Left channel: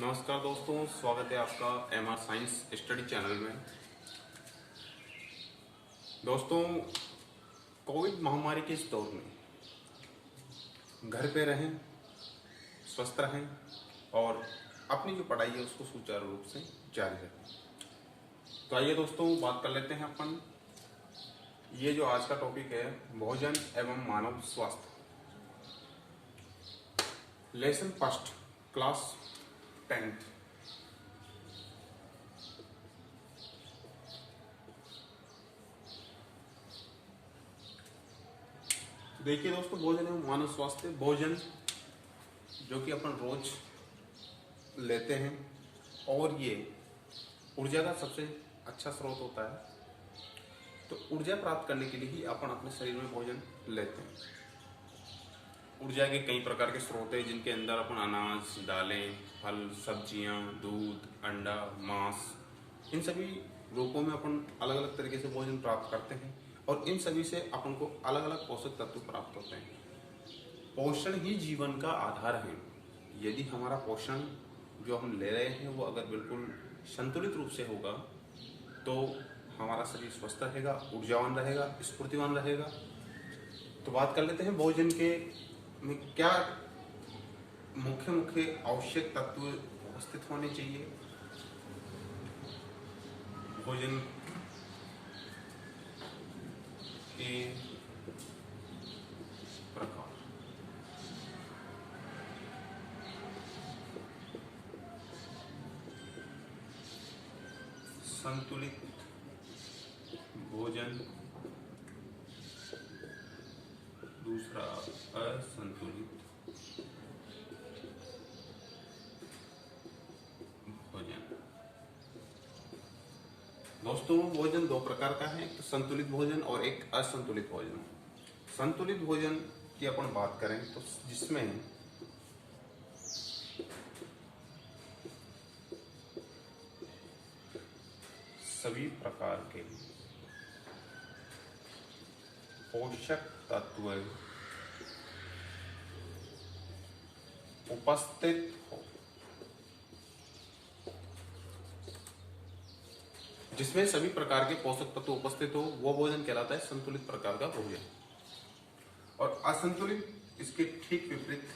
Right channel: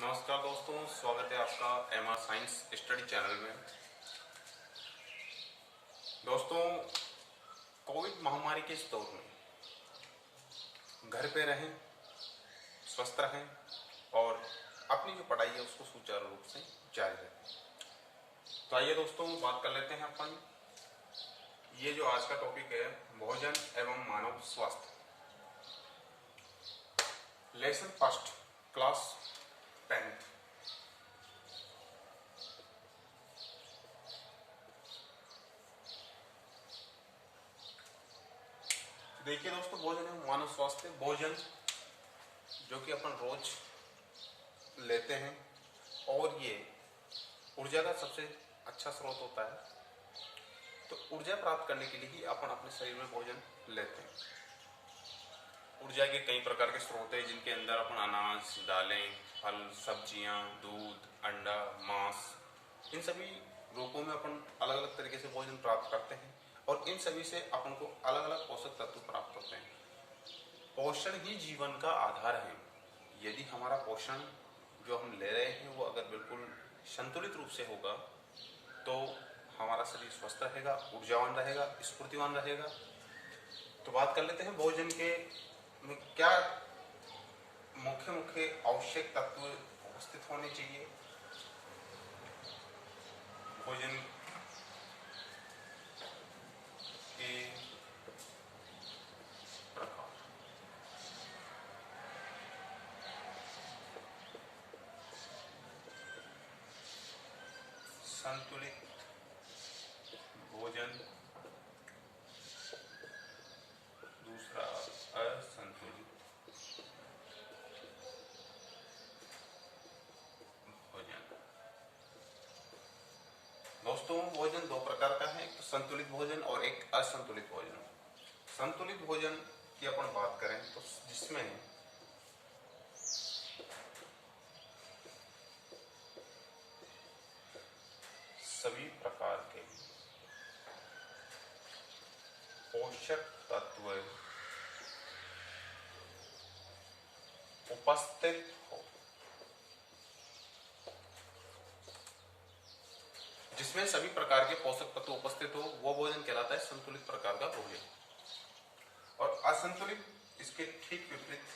नमस्कार दोस्तों, स्वागत है आपका एमआर साइंस स्टडी चैनल में। दोस्तों, कोविड महामारी के इस दौर में घर पे रहें, स्वस्थ रहें और अपनी जो पढ़ाई है उसको सुचारू रूप से जारी रखें। तो आइए दोस्तों, बात कर लेते हैं अपन। ये जो आज का टॉपिक है, भोजन एवं मानव स्वास्थ्य, लेसन फर्स्ट, क्लास 10th। देखिए दोस्तों, भोजन एवं मानव स्वास्थ्य, भोजन जो कि अपन रोज लेते हैं और ये ऊर्जा का सबसे अच्छा स्रोत होता है। तो ऊर्जा प्राप्त करने के लिए ही अपन अपने शरीर में भोजन लेते हैं। ऊर्जा के कई प्रकार के स्रोत हैं, जिनके अंदर अपन अनाज, दालें, फल, सब्जियां, दूध, अंडा, मांस, इन सभी रूपों में अपन अलग अलग तरीके से भोजन प्राप्त करते हैं और इन सभी से अपन को अलग अलग पोषक तत्व प्राप्त होते हैं। पोषण ही जीवन का आधार है। यदि हमारा पोषण जो हम ले रहे हैं वो अगर बिल्कुल संतुलित रूप से होगा तो हमारा शरीर स्वस्थ रहेगा, ऊर्जावान रहेगा, स्फूर्तिवान रहेगा। तो बात कर लेते हैं भोजन के में क्या मुख्य मुख्य आवश्यक तत्व उपस्थित होने चाहिए। भोजन के प्रकार, संतुलित भोजन, दूसरा असंतुलित भोजन। दोस्तों, भोजन दो प्रकार का है, एक तो संतुलित भोजन और एक असंतुलित भोजन। संतुलित भोजन की अपन बात करें तो जिसमें सभी प्रकार के पोषक तत्व उपस्थित हो, जिसमें सभी प्रकार के पोषक तत्व उपस्थित हो, वो भोजन कहलाता है संतुलित प्रकार का भोजन। और असंतुलित इसके ठीक विपरीत,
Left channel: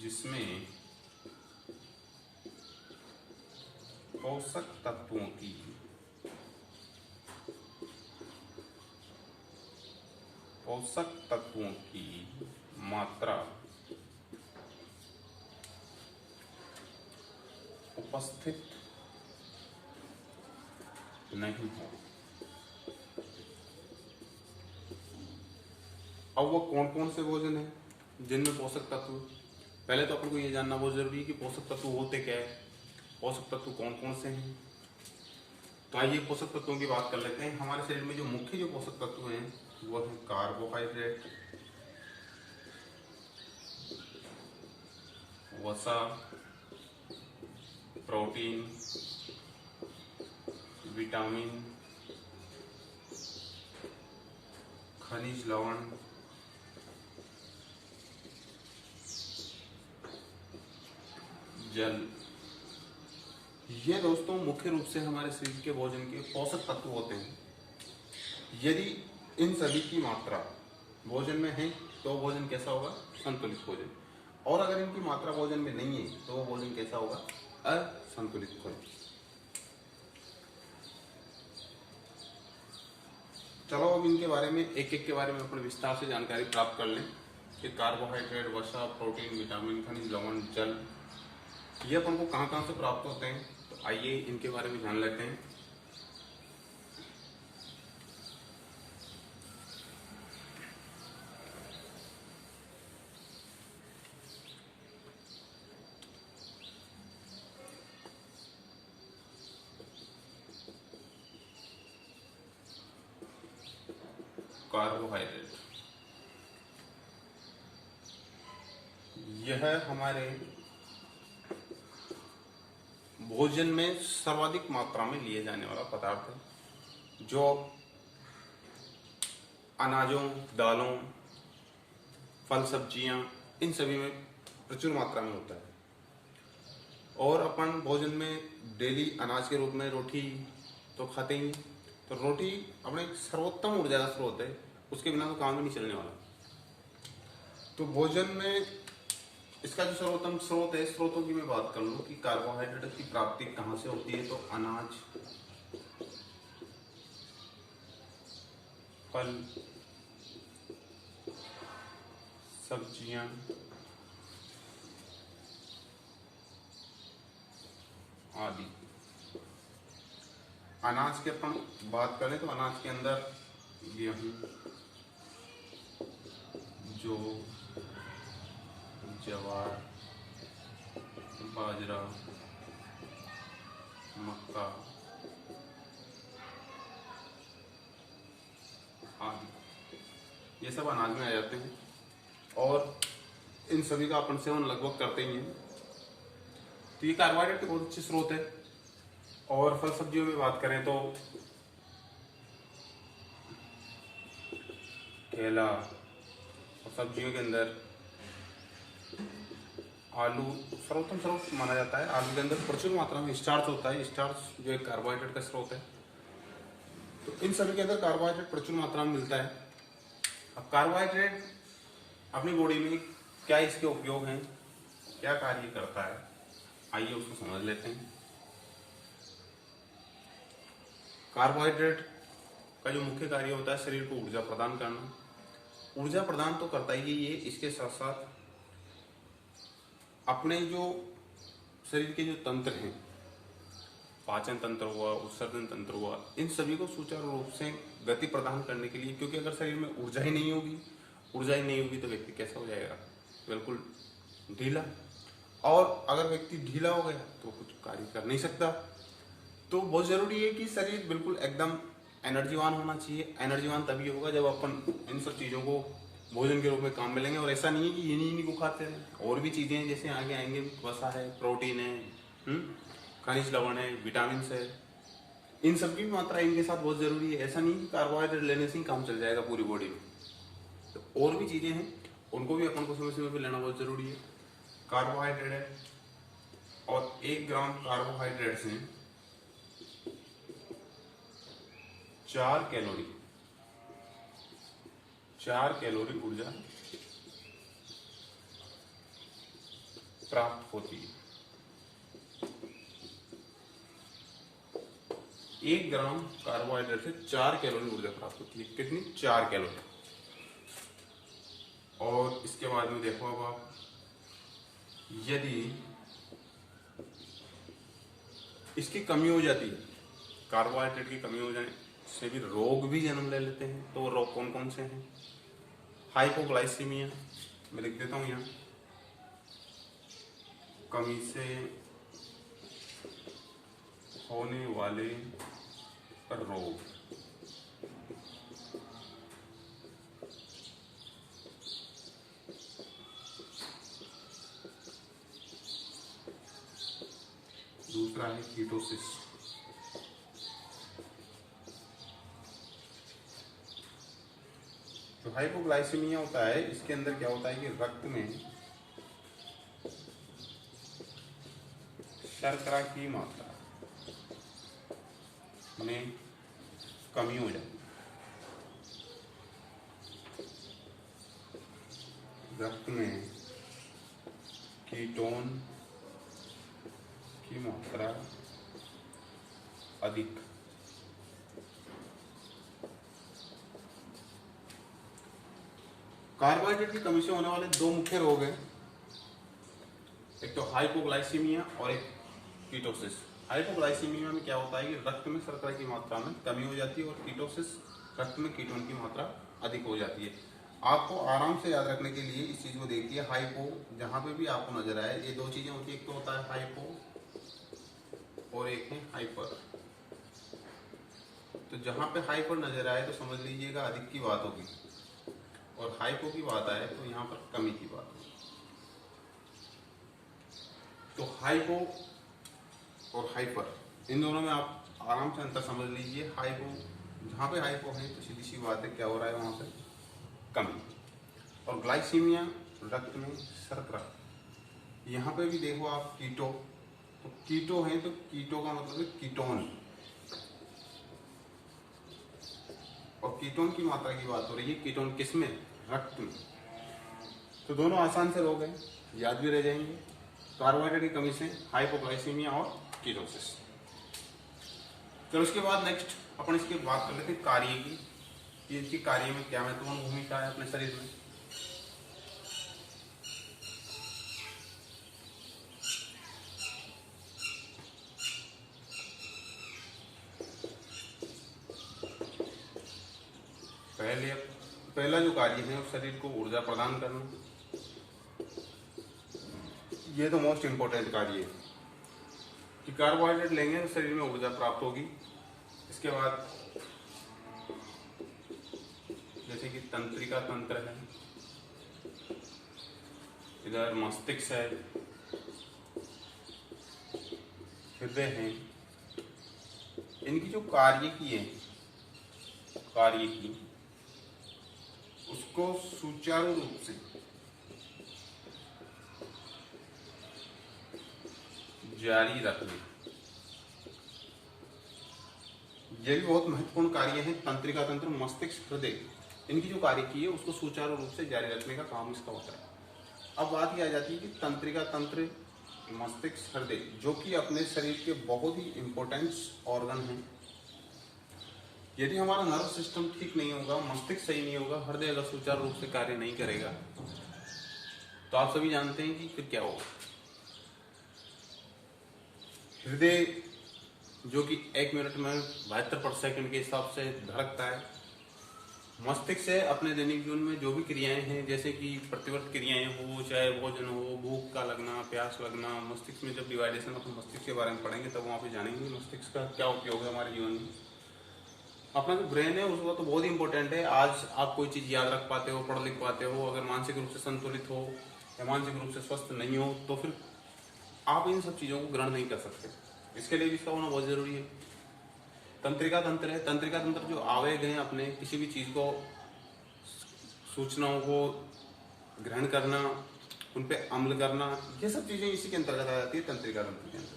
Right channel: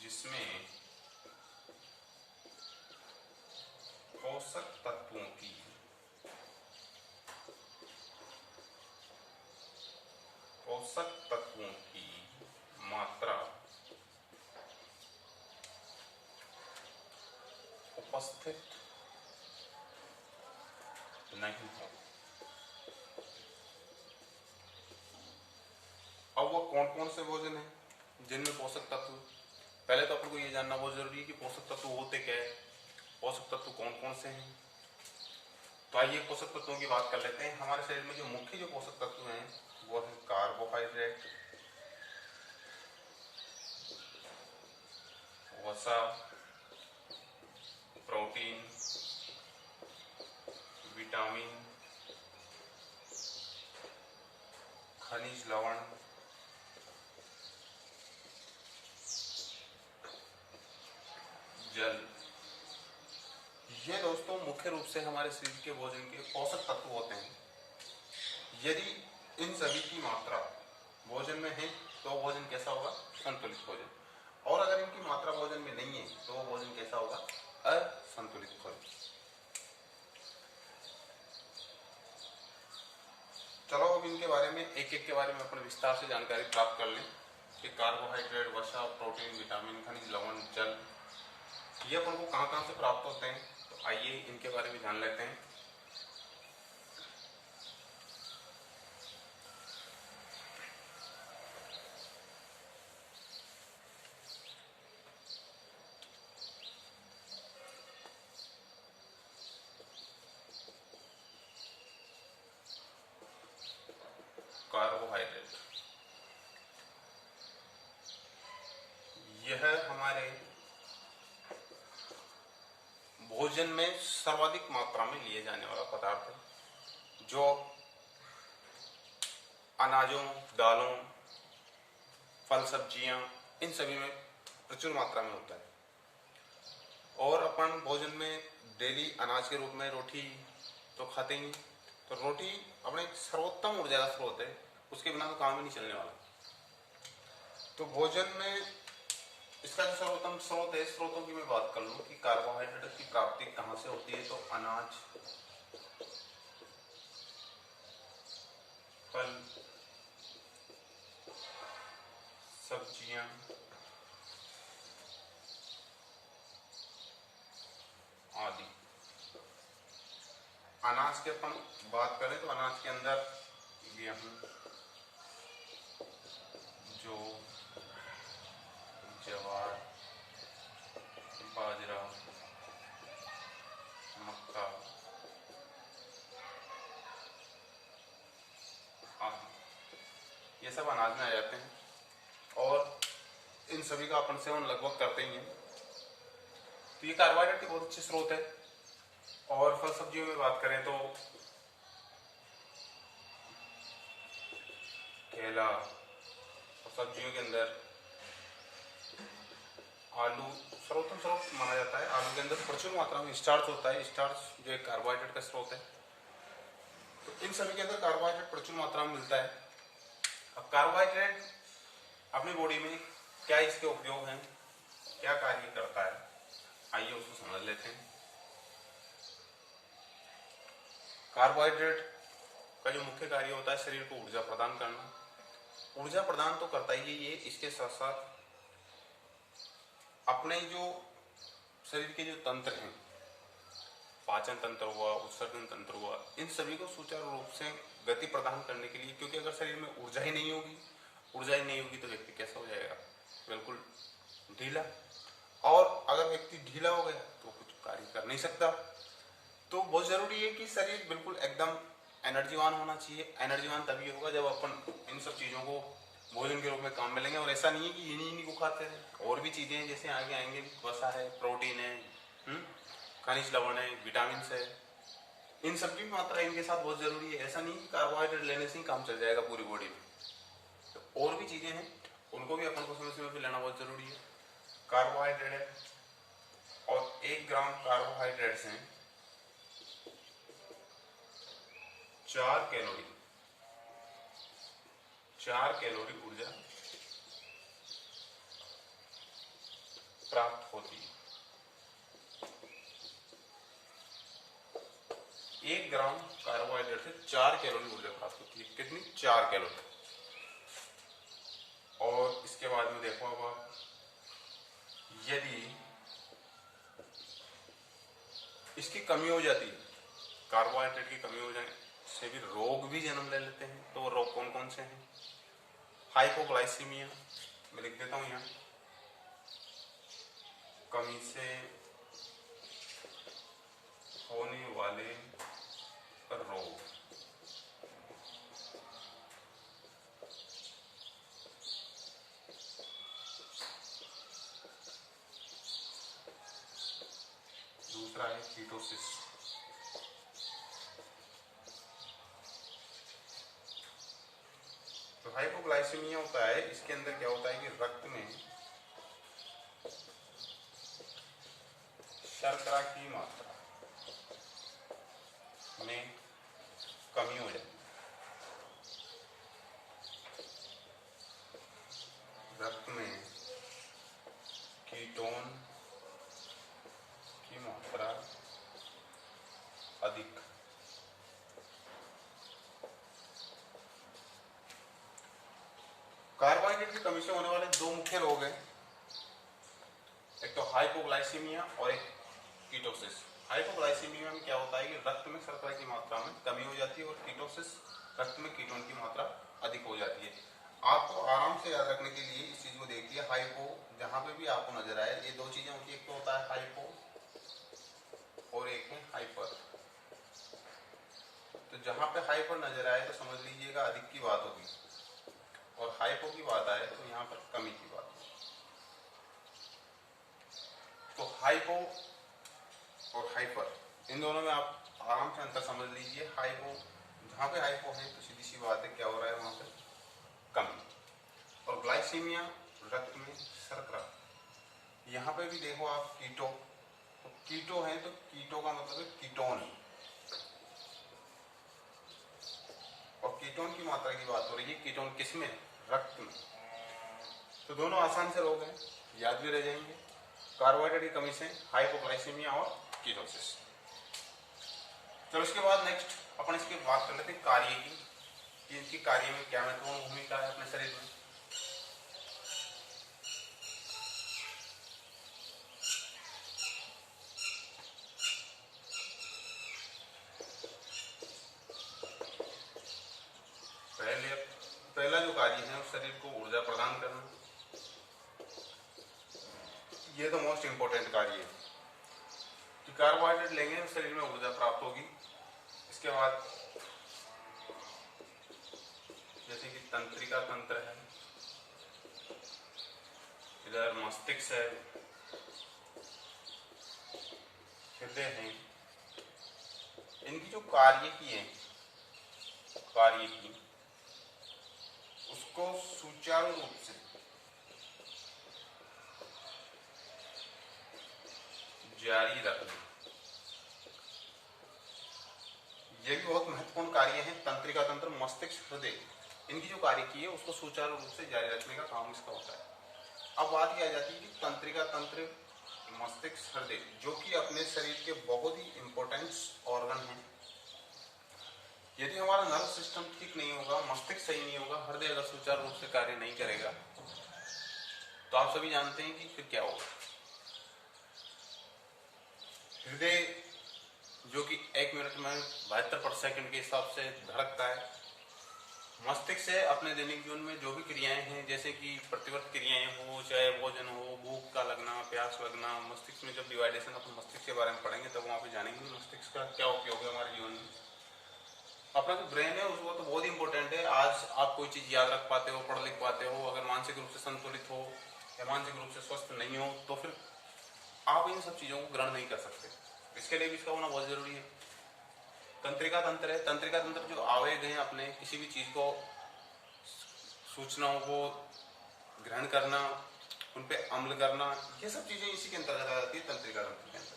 जिसमें पोषक तत्वों की मात्रा उपस्थित नहीं हो। अब वो कौन कौन से भोजन है जिनमें पोषक तत्व, पहले तो अपन को ये जानना बहुत जरूरी है कि पोषक तत्व होते क्या है, पोषक तत्व कौन कौन से हैं। तो आइए पोषक तत्वों की बात कर लेते हैं। हमारे शरीर में जो मुख्य जो पोषक तत्व हैं वो है कार्बोहाइड्रेट, वसा, प्रोटीन, विटामिन, खनिज लवण, जल। ये दोस्तों मुख्य रूप से हमारे शरीर के भोजन के पोषक तत्व होते हैं। यदि इन सभी की मात्रा भोजन में है तो भोजन कैसा होगा? संतुलित भोजन। और अगर इनकी मात्रा भोजन में नहीं है तो भोजन कैसा होगा? असंतुलित भोजन। चलो अब इनके बारे में एक एक के बारे में अपन विस्तार से जानकारी प्राप्त कर लें कि कार्बोहाइड्रेट, वसा, प्रोटीन, विटामिन, खनिज लवण, जल, ये अपन को कहाँ कहाँ से प्राप्त होते हैं। तो आइए इनके बारे में जान लेते हैं। कार्बोहाइड्रेट, यह हमारे भोजन में सर्वाधिक मात्रा में लिए जाने वाला पदार्थ है, जो अनाजों, दालों, फल, सब्जियां, इन सभी में प्रचुर मात्रा में होता है। और अपन भोजन में डेली अनाज के रूप में रोटी तो खाते ही हैं। तो रोटी अपने एक सर्वोत्तम ऊर्जा का स्रोत है, उसके बिना तो काम ही नहीं चलने वाला। तो भोजन में इसका जो सर्वोत्तम स्रोत है, स्रोतों की मैं बात कर लूँ कि कार्बोहाइड्रेट की प्राप्ति कहाँ से होती है, तो अनाज, फल, सब्जियां, आदि। अनाज की अपन बात करें तो अनाज के अंदर गेहूं, जौ, ज्वार, बाजरा, मक्का आदि, ये सब अनाज में आ जाते हैं और इन सभी का अपन सेवन लगभग करते ही हैं। तो ये कार्बोहाइड्रेट के बहुत अच्छे स्रोत है। और फल सब्जियों में बात करें तो केला, और सब्जियों के अंदर आलू सर्वोत्तम स्रोत माना जाता है। आलू के अंदर प्रचुर मात्रा में स्टार्च होता है, स्टार्च जो एक कार्बोहाइड्रेट का स्रोत है। तो इन सभी के अंदर कार्बोहाइड्रेट प्रचुर मात्रा में मिलता है। अब कार्बोहाइड्रेट अपनी बॉडी में क्या इसके उपयोग हैं, क्या कार्य करता है, आइए उसको समझ लेते हैं। कार्बोहाइड्रेट का जो मुख्य कार्य होता है शरीर को ऊर्जा प्रदान करना। ऊर्जा प्रदान तो करता ही है ये, इसके साथ साथ अपने जो शरीर के जो तंत्र हैं, पाचन तंत्र हुआ, उत्सर्जन तंत्र हुआ, इन सभी को सुचारू रूप से गति प्रदान करने के लिए, क्योंकि अगर शरीर में ऊर्जा ही नहीं होगी तो व्यक्ति कैसा हो जाएगा, बिल्कुल ढीला। और अगर व्यक्ति ढीला हो गया तो कुछ कार्य कर नहीं सकता। तो बहुत जरूरी है कि शरीर बिल्कुल एकदम एनर्जीवान होना चाहिए। एनर्जीवान तभी होगा जब अपन इन सब चीज़ों को भोजन के रूप में काम में लेंगे। और ऐसा नहीं है कि इन्हीं को खाते रहे, और भी चीज़ें हैं जैसे आगे आएंगे, वसा है, प्रोटीन है, खनिज लवण है, विटामिन है, इन सब की मात्रा इनके साथ बहुत जरूरी है। ऐसा नहीं कि कार्बोहाइड्रेट लेने से ही काम चल जाएगा पूरी बॉडी में। तो और भी चीज़ें हैं, उनको भी अपन को समय समय पर लेना बहुत जरूरी है। कार्बोहाइड्रेट है, और 1 ग्राम कार्बोहाइड्रेट से 4 कैलोरी ऊर्जा प्राप्त होती है। 1 ग्राम कार्बोहाइड्रेट से 4 कैलोरी ऊर्जा प्राप्त होती है। कितनी? 4 कैलोरी। और इसके बाद में देखो अब आप, यदि इसकी कमी हो जाती है, कार्बोहाइड्रेट की कमी हो जाने से भी रोग भी जन्म ले लेते हैं। तो रोग कौन कौन से हैं? हाइपोग्लाइसीमिया, मैं लिख देता हूं यहाँ, कमी से होने वाले रोग। दूसरा है कीटोसिस। तो हाइपोग्लाइसीमिया होता है, इसके अंदर क्या होता है कि रक्त में शर्करा की मात्रा में कमी हो जाती है। रक्त में कीटोन की मात्रा अधिक। कार्बोहाइड्रेट की कमी से होने वाले 2 मुख्य रोग हैं, एक तो हाइपोग्लाइसीमिया और एक कीटोसिस। हाइपोग्लाइसीमिया में क्या होता है कि रक्त में शर्करा की मात्रा में कमी हो जाती है, और कीटोसिस रक्त में कीटोन की मात्रा अधिक हो जाती है। आपको आराम से याद रखने के लिए इस चीज को देखिए, हाइपो जहां पे भी आपको नजर आए, ये 2 चीजें होती है, एक तो होता है हाइपो और एक है हाइपर। तो जहां पे हाइपर नजर आए तो समझ लीजिएगा अधिक की बात होगी, और हाइपो की बात आए तो यहाँ पर कमी की बात होगी। तो हाइपो और हाइपर, इन दोनों में आप आराम से अंतर समझ लीजिए। हाइपो, जहाँ पे हाइपो है तो सीधी सी बात है क्या हो रहा है वहाँ पे, कमी। और ग्लाइसीमिया, रक्त में शर्करा यहाँ पे भी देखो आप कीटो, तो कीटो है तो कीटो का मतलब है कीटोन, और कीटोन की मात्रा की बात हो रही है। कीटोन किसमें? रक्त में। तो दोनों आसान से रोग हैं, याद भी रह जाएंगे। कार्बोहाइड्रेट की कमी से हाइपोग्लाइसीमिया और कीटोसिस। चलो इसके बाद नेक्स्ट अपन इसकी बात कर लेते हैं कार्य की, कि इनकी कार्य में क्या महत्वपूर्ण भूमिका है अपने शरीर में। पहला जो कार्य है उस शरीर को ऊर्जा प्रदान करना, ये तो मोस्ट इंपॉर्टेंट कार्य है कि कार्बोहाइड्रेट लेंगे तो शरीर में ऊर्जा प्राप्त होगी। इसके बाद जैसे कि तंत्रिका तंत्र है, इधर मस्तिष्क है, हृदय है, इनकी जो कार्य की उसको सुचारू रूप से जारी रखना, ये भी बहुत महत्वपूर्ण कार्य है। तंत्रिका तंत्र, मस्तिष्क, हृदय, इनकी जो कार्य की है उसको सुचारू रूप से जारी रखने का काम इसका होता है। अब बात यह आ जाती है कि तंत्रिका तंत्र, मस्तिष्क, हृदय, जो कि अपने शरीर के बहुत ही इंपॉर्टेंट ऑर्गन हैं। यदि हमारा नर्व सिस्टम ठीक नहीं होगा, मस्तिष्क सही नहीं होगा, हृदय अगर सुचारू रूप से कार्य नहीं करेगा, तो आप सभी जानते हैं कि फिर क्या होगा। हृदय जो कि 1 मिनट में 72/सेकंड के हिसाब से धड़कता है। मस्तिष्क से अपने दैनिक जीवन में जो भी क्रियाएं हैं, जैसे कि प्रतिवर्त क्रियाएं हो, चाहे भोजन हो, भूख का लगना, प्यास लगना, मस्तिष्क में जब डिवाइडेशन अपन मस्तिष्क के बारे में पढ़ेंगे तब वहां पे जानेंगे मस्तिष्क का क्या उपयोग है हमारे जीवन में। अपना जो ब्रेन है उसको तो बहुत ही इंपॉर्टेंट है। आज आप कोई चीज याद रख पाते हो, पढ़ लिख पाते हो, अगर मानसिक रूप से संतुलित हो या मानसिक रूप से स्वस्थ नहीं हो तो फिर आप इन सब चीजों को ग्रहण नहीं कर सकते। इसके लिए भी इसका होना बहुत जरूरी है। तंत्रिका तंत्र है, तंत्रिका तंत्र जो आवेग हैं अपने किसी भी चीज को, सूचनाओं को ग्रहण करना, उन पे अमल करना, ये सब चीजें इसी के अंतर्गत आ जाती है तंत्रिका तंत्र के अंदर।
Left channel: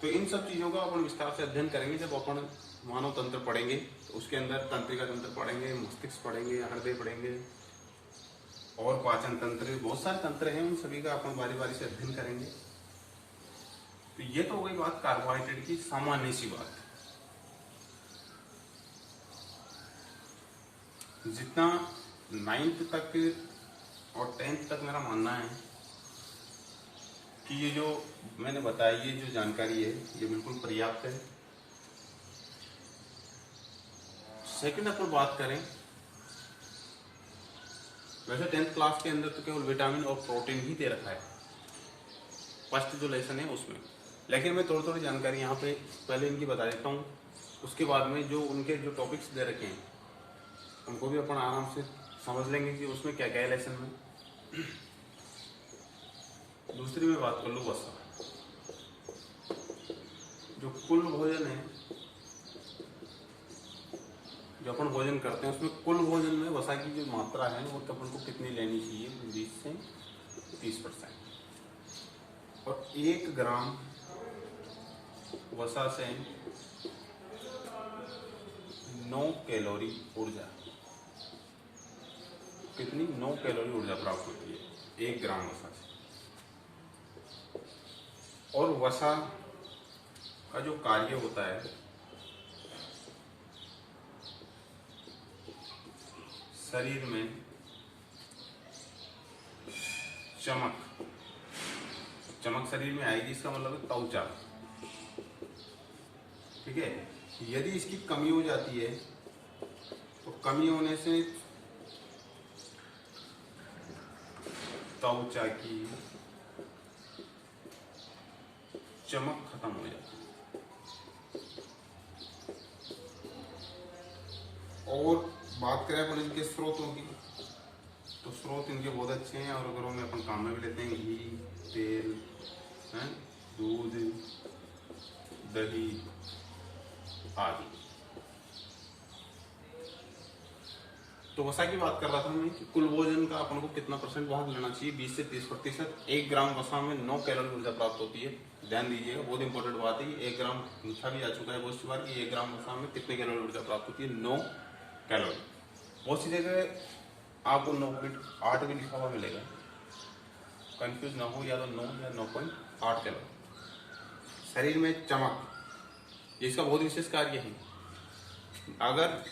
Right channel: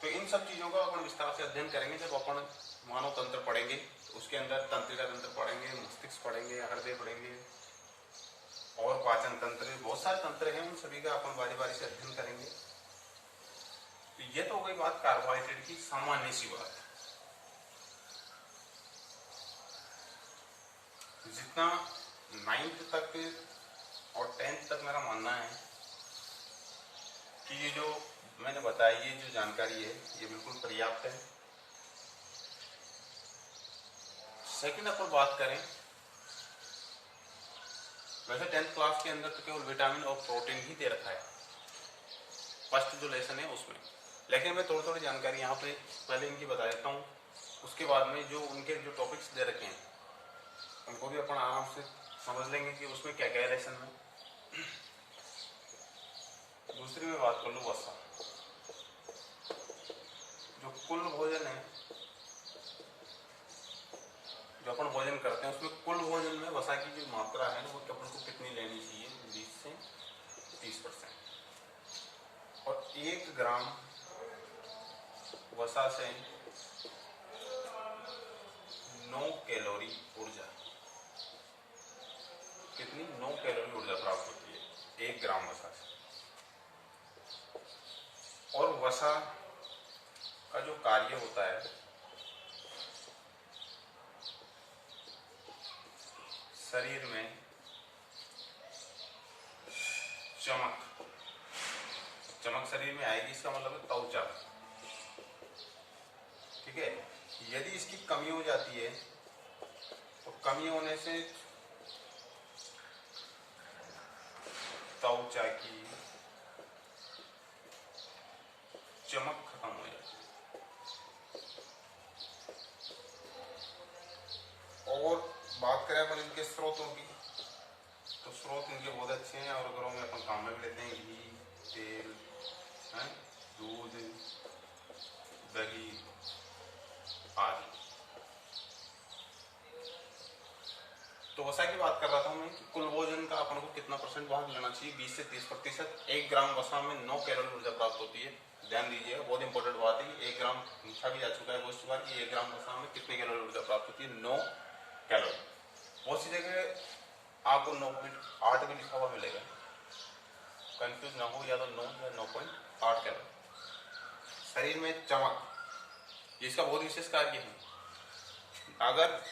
तो इन सब चीजों का अपन विस्तार से अध्ययन करेंगे जब अपन मानव तंत्र पढ़ेंगे, तो उसके अंदर तंत्रिका तंत्र पढ़ेंगे, मस्तिष्क पढ़ेंगे, हृदय पढ़ेंगे और पाचन तंत्र, बहुत सारे तंत्र हैं, उन सभी का अपन बारी बारी से अध्ययन करेंगे। तो ये तो हो गई बात कार्बोहाइड्रेट की, सामान्य सी बात। जितना 9th तक और 10th तक मेरा मानना है कि ये जो मैंने बताया, ये जो जानकारी है ये बिल्कुल पर्याप्त है। सेकंड अपन बात करें, वैसे 10th क्लास के अंदर तो केवल विटामिन और प्रोटीन ही दे रखा है फर्स्ट जो लेसन है उसमें, लेकिन मैं थोड़ी थोड़ी जानकारी यहाँ पे पहले इनकी बता देता हूँ। उसके बाद में जो उनके जो टॉपिक्स दे रखे हैं उनको भी अपन आराम से समझ लेंगे कि उसमें क्या क्या है लेसन में। दूसरी में बात कर लूँ वसा, जो कुल भोजन है, जो अपन भोजन करते हैं उसमें कुल भोजन में वसा की जो मात्रा है वो अपन को कितनी लेनी चाहिए, 20 से 30%। और 1 ग्राम वसा से 9 कैलोरी ऊर्जा, कितनी? 9 कैलोरी ऊर्जा प्राप्त होती है 1 ग्राम वसा से। और वसा का जो कार्य होता है, शरीर में चमक शरीर में आएगी, इसका मतलब है त्वचा, ठीक है। यदि इसकी कमी हो जाती है तो कमी होने से त्वचा की चमक खत्म हो जाती है। और बात करें अपन इनके स्रोतों की, तो स्रोत इनके बहुत अच्छे हैं और घरों में अपन काम में भी लेते हैं। घी, तेल, दूध, दही आदि। तो वसा की बात कर रहा था मैं कि कुल भोजन का अपन को कितना परसेंट भाग लेना चाहिए, 20 से 30%। 1 ग्राम वसा में 9 कैलोरी ऊर्जा प्राप्त होती है। ध्यान दीजिएगा, बहुत इंपॉर्टेंट बात है। 1 ग्राम पूछा भी आ चुका है बहुत सी बार कि 1 ग्राम वसा में कितने कैलोरी ऊर्जा प्राप्त होती है, 9 कैलोरी। बहुत सी जगह आपको 9.8 भी लिखा हुआ मिलेगा, कंफ्यूज ना हो, या तो 9 या 9.8 कैलोरी। शरीर में चमक, इसका बहुत विशेष कार्य है। अगर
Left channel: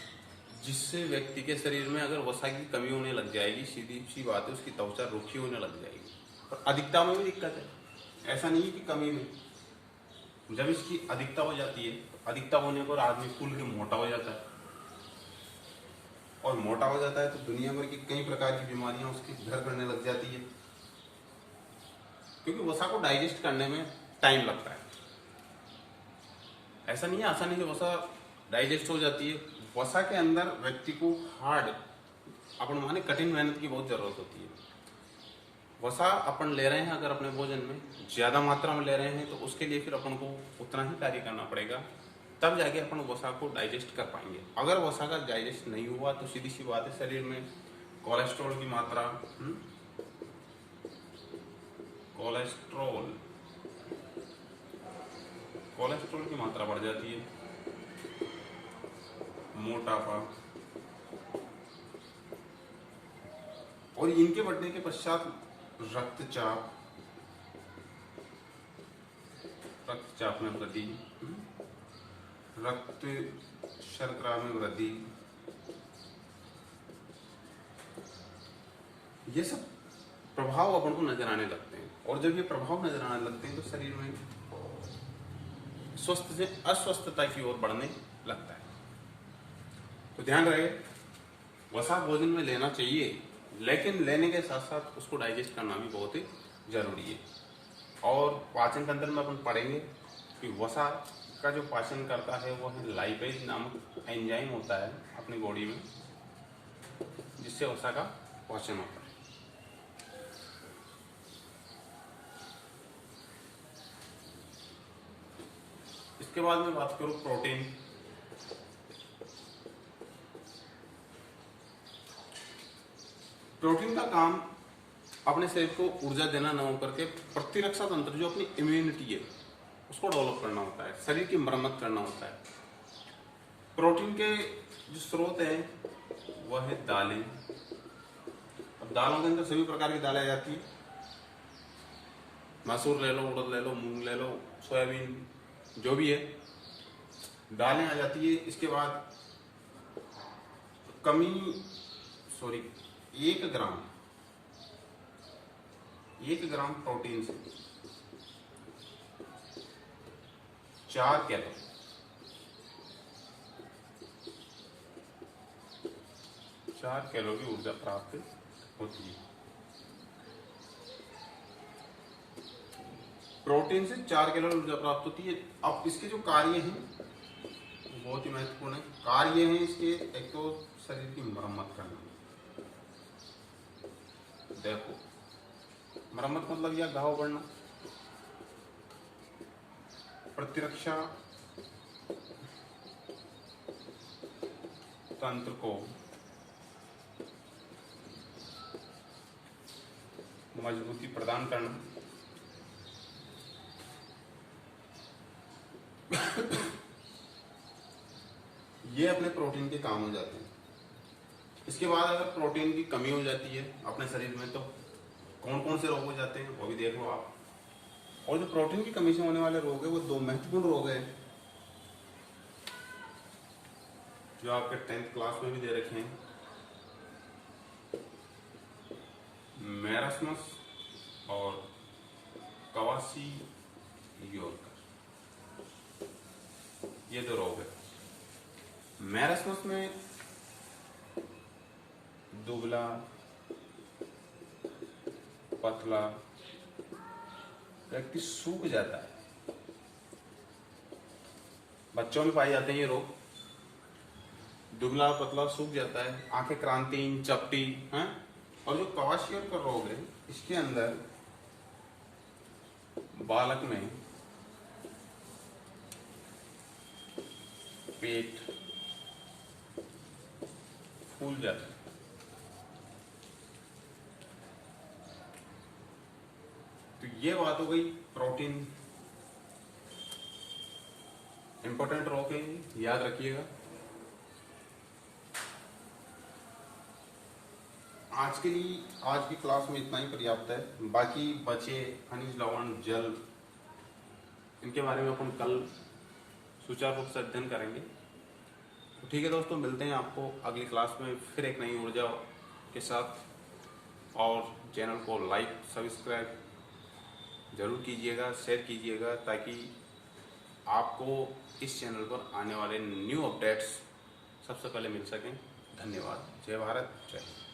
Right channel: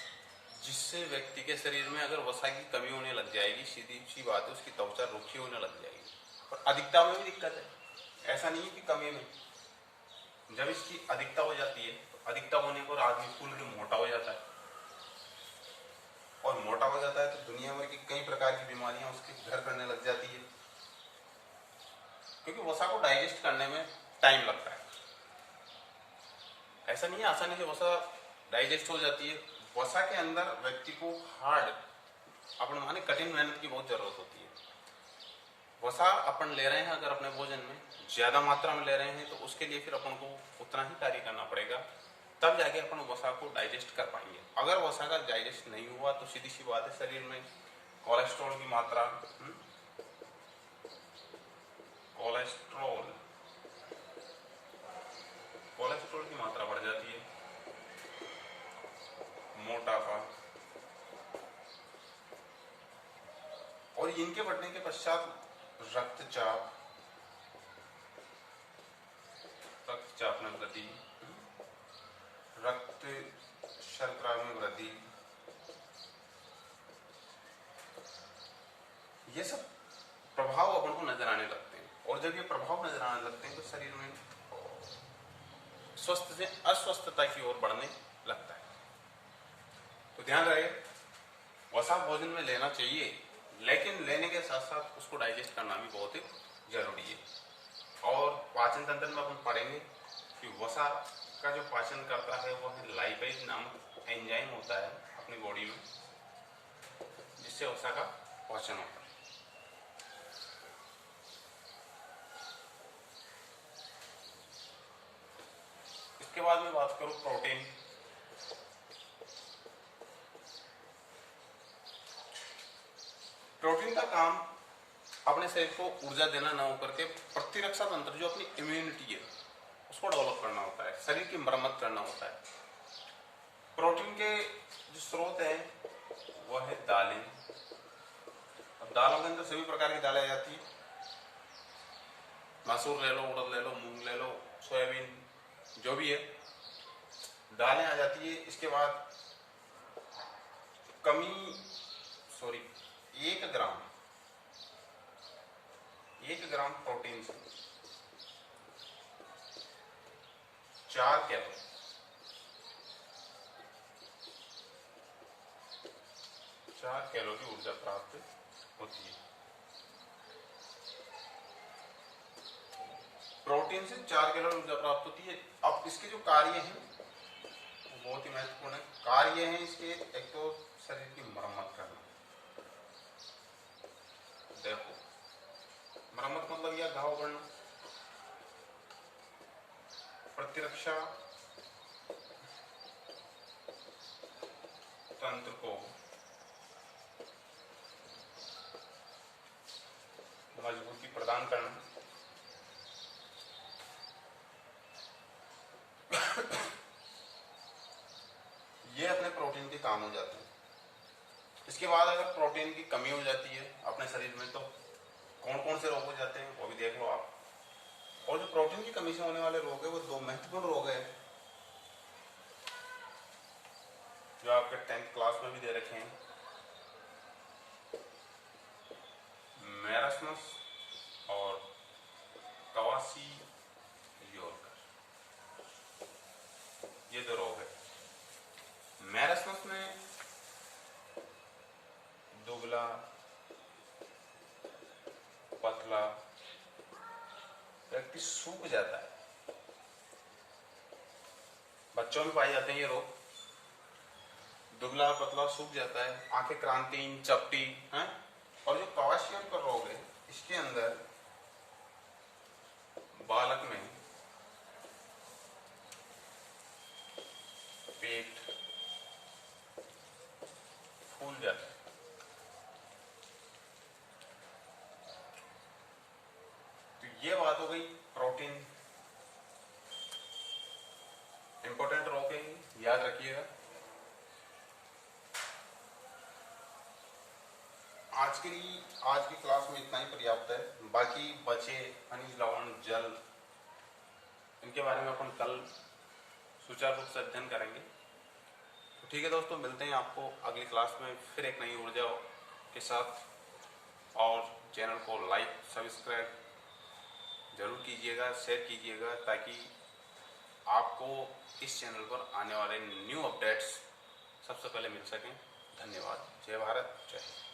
जिससे व्यक्ति के शरीर में अगर वसा की कमी होने लग जाएगी, सीधी सी बात है, उसकी त्वचा रुखी होने लग जाएगी। और अधिकता में भी दिक्कत है, ऐसा नहीं कि कमी में। जब इसकी अधिकता हो जाती है, तो अधिकता होने पर आदमी फूल के मोटा हो जाता है, और मोटा हो जाता है तो दुनिया भर की कई प्रकार की बीमारियां उसके घर करने लग जाती है, क्योंकि वसा को डाइजेस्ट करने में टाइम लगता है। ऐसा नहीं है आसानी से वसा डाइजेस्ट हो जाती है। वसा के अंदर व्यक्ति को हार्ड, अपन माने कठिन मेहनत की बहुत जरूरत होती है। वसा अपन ले रहे हैं अगर अपने भोजन में ज्यादा मात्रा में ले रहे हैं, तो उसके लिए फिर अपन को उतना ही कार्य करना पड़ेगा, तब जाके अपन वसा को डाइजेस्ट कर पाएंगे। अगर वसा का डाइजेस्ट नहीं हुआ तो सीधी सी बात है, शरीर में कोलेस्ट्रॉल की मात्रा कोलेस्ट्रॉल की मात्रा बढ़ जाती है, मोटापा, और इनके बढ़ने के पश्चात रक्तचाप में वृद्धि, रक्त शर्करा में वृद्धि, ये सब प्रभाव अपन को नजर आने लगते हैं। और जब ये प्रभाव नजर आने लगते हैं तो शरीर में स्वस्थ से अस्वस्थता की ओर बढ़ने लगता है। तो ध्यान रहे, वसा भोजन में लेना चाहिए, लेकिन लेने के साथ साथ उसको डाइजेस्ट करना भी बहुत ही जरूरी है। और पाचन तंत्र में अपन पढ़ेंगे कि वसा का जो पाचन करता है वो है लाइपेज नामक एंजाइम होता है अपनी बॉडी में, जिससे वसा का पाचन होता है। इसके बाद में बात करूं प्रोटीन। प्रोटीन का काम अपने शरीर को ऊर्जा देना न होकर के प्रतिरक्षा तंत्र, जो अपनी इम्यूनिटी है, उसको डेवलप करना होता है, शरीर की मरम्मत करना होता है। प्रोटीन के जो स्रोत है वह है दालें। अब दालों के अंदर सभी प्रकार की दालें आ जाती है, मसूर ले लो, उड़द ले लो, मूंग ले लो, सोयाबीन, जो भी है दालें आ जाती है। इसके बाद एक ग्राम प्रोटीन से 4 कैलोरी, 4 कैलोरी ऊर्जा प्राप्त होती है। प्रोटीन से 4 कैलोरी ऊर्जा प्राप्त होती है। अब इसके जो कार्य हैं वो बहुत ही महत्वपूर्ण है। कार्य हैं इसके, एक तो शरीर की मरम्मत करना। देखो, मरम्मत मतलब यह घाव बढ़ना, प्रतिरक्षा तंत्र को मजबूती प्रदान करना, ये अपने प्रोटीन के काम हो जाते हैं। इसके बाद अगर प्रोटीन की कमी हो जाती है अपने शरीर में, तो कौन कौन से रोग हो जाते हैं वो भी देख लो आप। और जो प्रोटीन की कमी से होने वाले रोग है वो 2 महत्वपूर्ण रोग है, जो आपके 10th क्लास में भी दे रखे हैं। मैरास्मस और क्वार्सियोकर, ये 2 रोग है। मैरास्मस में दुबला पतला व्यक्ति सूख जाता है, बच्चों में पाए जाते हैं ये रोग। दुबला पतला सूख जाता है, आंखें क्रांतिहीन, चपटी हैं। और जो क्वार्सियोकर रोग है, इसके अंदर बालक में पेट फूल जाता है, ये बात हो गई प्रोटीन इंपॉर्टेंट रो के, याद रखिएगा। आज के लिए आज की क्लास में इतना ही पर्याप्त है। बाकी बचे खनिज, लवण, जल, इनके बारे में अपन कल सुचारू रूप से अध्ययन करेंगे। तो ठीक है दोस्तों, मिलते हैं आपको अगली क्लास में फिर एक नई ऊर्जा के साथ। और चैनल को लाइक सब्सक्राइब जरूर कीजिएगा, शेयर कीजिएगा, ताकि आपको इस चैनल पर आने वाले न्यू अपडेट्स सबसे पहले मिल सकें। धन्यवाद। जय भारत, जय हिंद।